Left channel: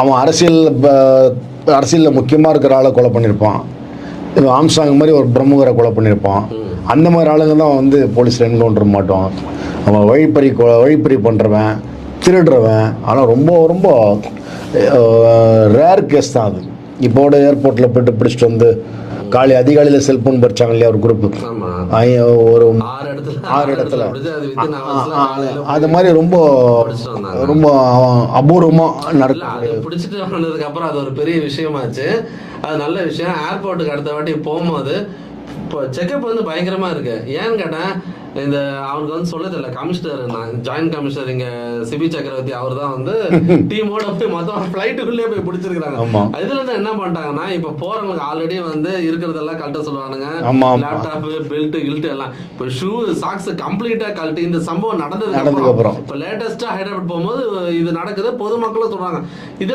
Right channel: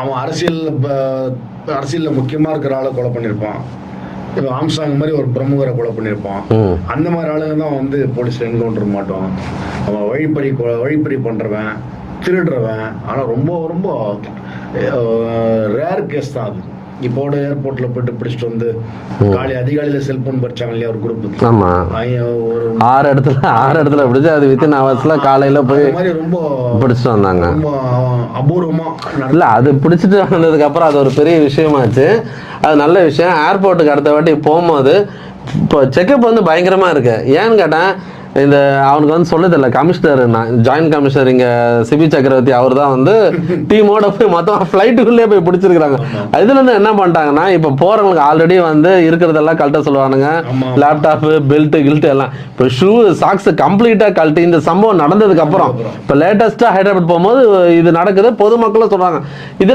அவன் அரசியல் அரசியலில் முக்கியமாக இருக்கிற ஆளை கொலை பண்ணியிருப்பான். ஆம்சாங் மாதிரி ஒரு பிரமுகரை கொலை பண்ணியிருப்பான். அந்த மாதிரி ஆளுங்க தான் வந்து போலீஸில் என்கவுண்டர் மாட்டோம். அவன் வழிப்பறி வழிப்பறி பண்ணுறவன் திருடுறவன். ஆனால் ரொம்ப ரொம்ப ரேர் கேஸ் தான் அது. இப்போட ஏர்போர்ட்டில் போயிட்டு பிடிச்சிட்டு வந்து காலை அதிகாலையில் செல்போன் பறிச்சாங்க இல்லையா ஒரு குரூப் ஆமா. ஒரு ஆறு இடத்துல ஆறு இடத்துல. பிடிச்சு அது வித்தின் ஹவர்ஸ்ல காலையில போய் மாதிரி ரொம்ப பிடிச்சிட்டு வந்தாங்க. ரொம்ப அபூர்வமா இல்ல நடல அது பிடிச்சிட்டு வந்ததுக்கு அப்புறம் அது ஒரு பெரிய விஷயமாச்சு. அது நல்ல விஷயம். ஏர்போர்ட்டுக்கு அடுத்த வாட்டி போகும்போது இப்போ செக்கப் வந்து பயங்கரமா இருக்கு ஏன்னு கேட்டேன் இந்த அவனுக்கு வந்து சொல்ல தெரியல கமிஷனர் ஜாயின்ட் கமிஷனர் இங்க சிபி சக்கரவர்த்தி அவர் தான் வந்து டீமோட போய் மொத்தம் ஃபிளைட்டுக்குள்ளே போய் பிடிச்சிருக்காங்க. இதுல இருந்து என்ன பண்ணிட்டாங்கன்னா இப்ப போறவங்களுக்கு ஆல்ரெடி வந்து இருக்கிறதெல்லாம் கழட்ட சொல்லுவானுங்க. லேப்டாப் பெல்ட் கில்ட் எல்லாம் இப்போ ஷூ சாக்ஸ் கம்ப்ளீட்டா கழட்டி இந்த சம்பவம் நடந்ததுக்கு அப்புறம் அப்புறம். இப்போ லேட்டஸ்டா ஹைதராபாத் போகும்போது இது நடக்குது பொதுமக்களும் சொல்றாங்க இதுல